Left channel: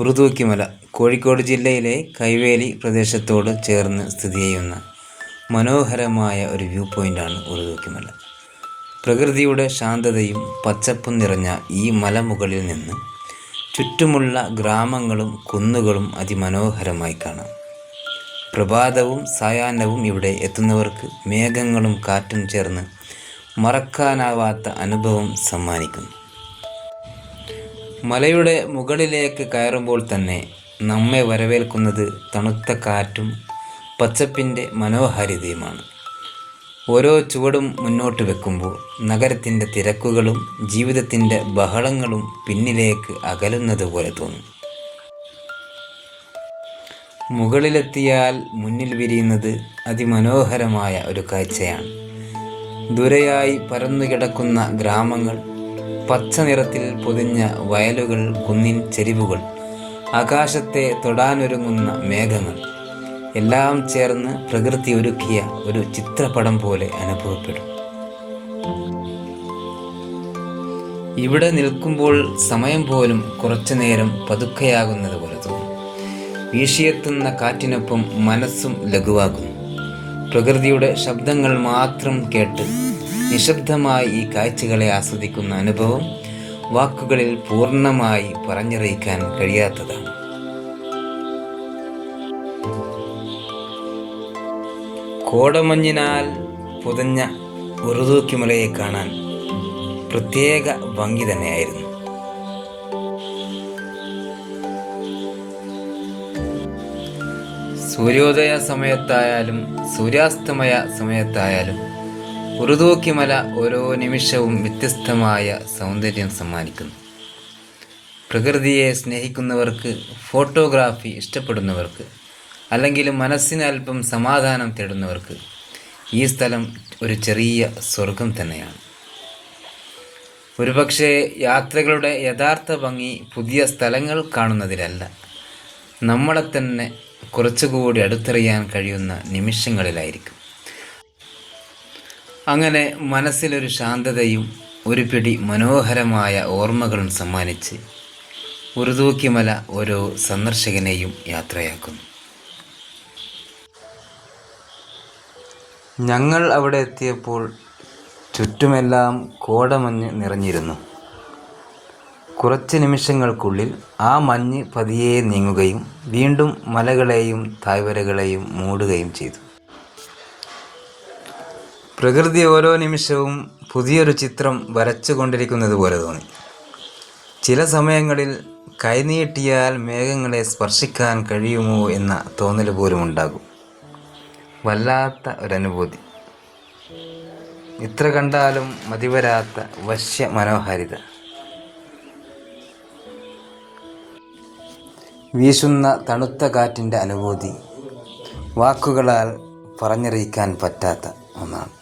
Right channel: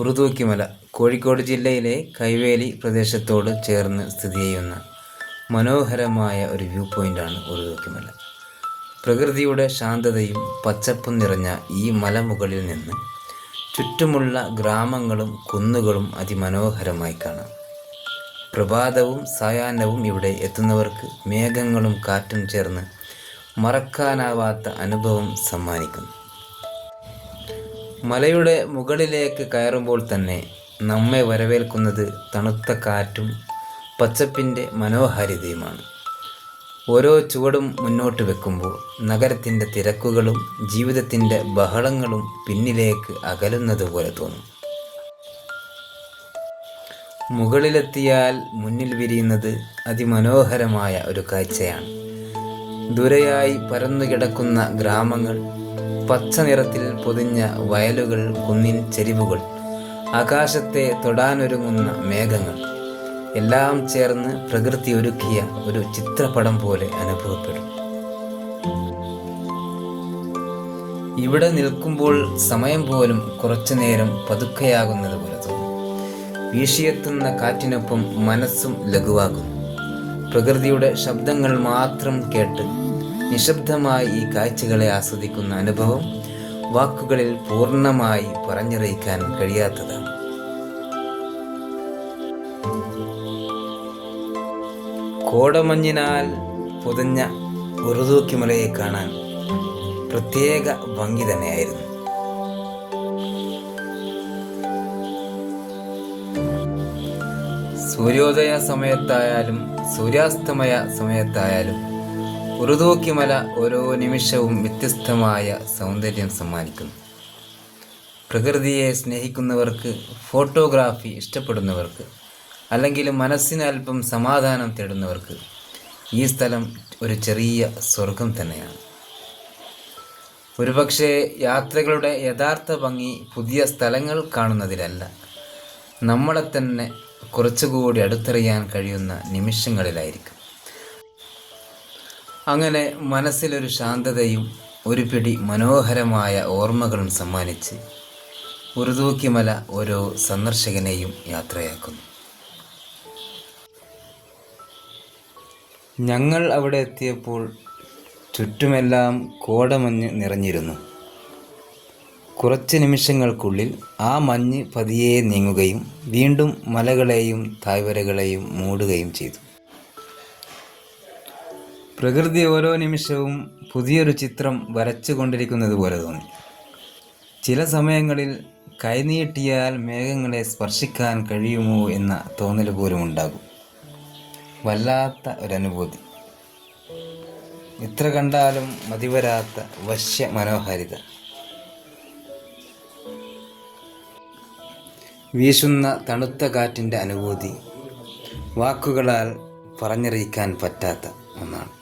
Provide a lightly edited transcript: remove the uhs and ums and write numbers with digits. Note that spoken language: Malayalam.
ഉറുദൂക്കിമല കോഴിക്കോട് ജില്ലയിലെ കൈവേലി പ്രദേശത്തോട് ചേർന്ന് സ്ഥിതി ചെയ്യുന്ന മനോഹരമായ ഒരു വ്യൂ പോയിൻ്റാണ് ഉറുദൂക്കിമല. പ്രകൃതിയുടെ ശാന്തതയും പച്ചപ്പും നിറഞ്ഞ ഈ മലമുകളിൽ നിന്ന് ചുറ്റുമുള്ള ഗ്രാമങ്ങളും കുന്നുകളും അതിമനോഹരമായി കാണാം. പ്രഭാതവും സായാഹ്നവും ഇവിടെ എത്തുന്നവർക്ക് മേഘങ്ങളും കാറ്റും ചേർന്ന് മറക്കാനാവാത്ത അനുഭവം സമ്മാനിക്കുന്നു. മലയുടെ മുകളിലേക്ക് കയറുമ്പോൾ തന്നെ നമ്മെ വരവേൽക്കുന്നത് തണുത്ത കാറ്റും പച്ചപ്പിൻ്റെ മനോഹാരിതയുമാണ്. ഓരോ ചുവടും മുന്നോട്ട് വെക്കുമ്പോൾ നഗരത്തിൻ്റെ തിരക്കുകളും ജീവിതത്തിൻ്റെ ബഹളങ്ങളും പിന്നിലേക്ക് അകലുന്നത് പോലെ തോന്നും. മുകളിലെത്തിയാൽ മുന്നിൽ വിരിയുന്നത് അതിമനോഹരമായ ഒരു കാഴ്ചയാണ്. ദൂരെയായി പരന്നുകിടക്കുന്ന ഗ്രാമങ്ങൾ, പച്ച നിറത്തിൽ പൊതിഞ്ഞ വയലുകൾ, കുന്നിൻ ചെരിവുകൾ, ആകാശത്തെ തൊടാനൊരുങ്ങുന്ന മേഘങ്ങൾ എല്ലാം ചേർന്ന് പ്രകൃതി ഒരുക്കിയ ഒരു ചിത്രപടം പോലെ അനുഭവപ്പെടും. ഇവിടെ നിൽക്കുമ്പോൾ സമയം പോലും കുറച്ചു നേരം പതുക്കെയാകുന്നത് പോലെ തോന്നും. വീശിയെത്തുന്ന കാറ്റിനൊപ്പം മനസ്സും ലഘുവാകുന്നു. പ്രകൃതിയുടെ ശബ്ദങ്ങൾ മാത്രം കേട്ട് നിശബ്ദമായി ഈ കാഴ്ചകളെ ആസ്വദിക്കുന്ന അനുഭവം വാക്കുകളിൽ പൂർണ്ണമായി പറഞ്ഞറിയിക്കാൻ കഴിയാത്തതാണ്. കോടമഞ്ഞിനാൽ പുതഞ്ഞ ഉറുദൂക്കിമലയെ കാണാൻ പ്രത്യേക ഭംഗി തന്നെയായിരുന്നു. സൂര്യോദയ സമയത്തായാലും സൂര്യാസ്തമയ സമയത്തായാലും ഉറുദൂക്കിമല ഓരോ നിമിഷവും വ്യത്യസ്തമായ സൗന്ദര്യം സമ്മാനിക്കുന്നു. പ്രകൃതിയെ സ്നേഹിക്കുന്നവർക്ക്, ഫോട്ടോഗ്രാഫി ഇഷ്ടപ്പെടുന്നവർക്ക്, അല്ലെങ്കിൽ മനസ്സിന് അല്പം സമാധാനം തേടുന്നവർക്ക് ഈ സ്ഥലം ഒരു ചെറിയ സ്വർഗം തന്നെയാണ്. ഒരുപക്ഷെ യാത്രകളുടെ യഥാർത്ഥ ഭംഗി പുതിയ സ്ഥലങ്ങൾ കാണുന്നതിലല്ല, നമ്മളെ തന്നെ കുറച്ചുകൂടി അടുത്തറിയാൻ കഴിയുന്ന നിമിഷങ്ങളിലായിരിക്കും. അങ്ങനെ മനസ്സിലൊരു ശാന്തതയും ഒരു പിടി മനോഹരമായ ഓർമ്മകളും സമ്മാനിച്ച് ഉറുദൂക്കിമല ഓരോ സന്ദർശകനെയും യാത്രയാക്കുന്നു. ഞങ്ങൾ അവിടെ എത്തിയപ്പോൾ ചുറ്റുമെല്ലാം കോടമഞ്ഞ് നിറഞ്ഞിരുന്നു. കുറച്ച് നിമിഷങ്ങൾക്കുള്ളിൽ ആ മഞ്ഞ് പതിയെ നീങ്ങുകയും വീണ്ടും മലകളെയും താഴ്വരകളെയും മൂടുകയും ചെയ്തു. പ്രകൃതി ഓരോ നിമിഷവും പുതിയൊരു ചിത്രം വരച്ചുകൊണ്ടിരിക്കുന്നത് പോലെ തോന്നി. ചില സമയങ്ങളിൽ കൈനീട്ടിയാൽ മേഘങ്ങളെ സ്പർശിക്കാൻ കഴിയുമോ എന്ന തോന്നൽ പോലും ഉണ്ടാകും. വല്ലാത്ത ഒരനുഭൂതി. ഇത്ര കണ്ടാലും മതിവരാത്ത വശ്യ മനോഹാരിത. വീശുന്ന തണുത്ത കാറ്റിൻ്റെ അനുഭൂതി വാക്കുകളാൽ പറഞ്ഞറിയിക്കാൻ പറ്റാത്ത ഒന്നാണ്.